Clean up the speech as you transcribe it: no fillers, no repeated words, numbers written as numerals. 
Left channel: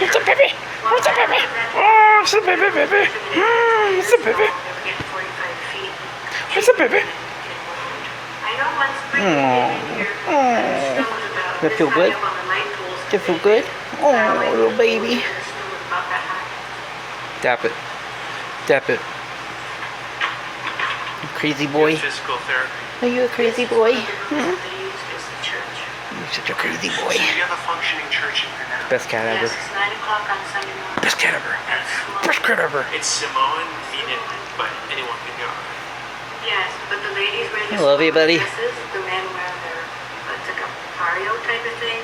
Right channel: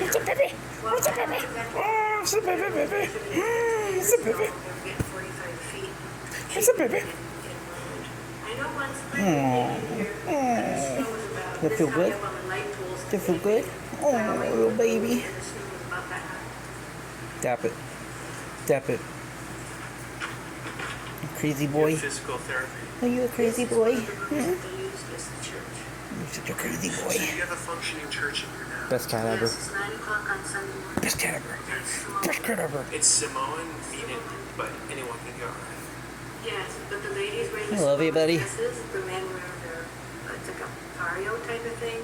It's a baby. It's a baby. Oh, it's a baby, baby. It's a baby. It's a baby. Does it feel good? Does it feel good? Oh, little baby. Tap it. Tap it. You crazy boy. Are you a crazy boy? Hmm? You're such a crazy boy. Best cat ever. Best cat ever. Best cat ever. It's Simone Phoenix, but anyone can go. Yes, but the ladies wear I love you, buddy. dresses, the men wear their, it's like a pareo type of thing.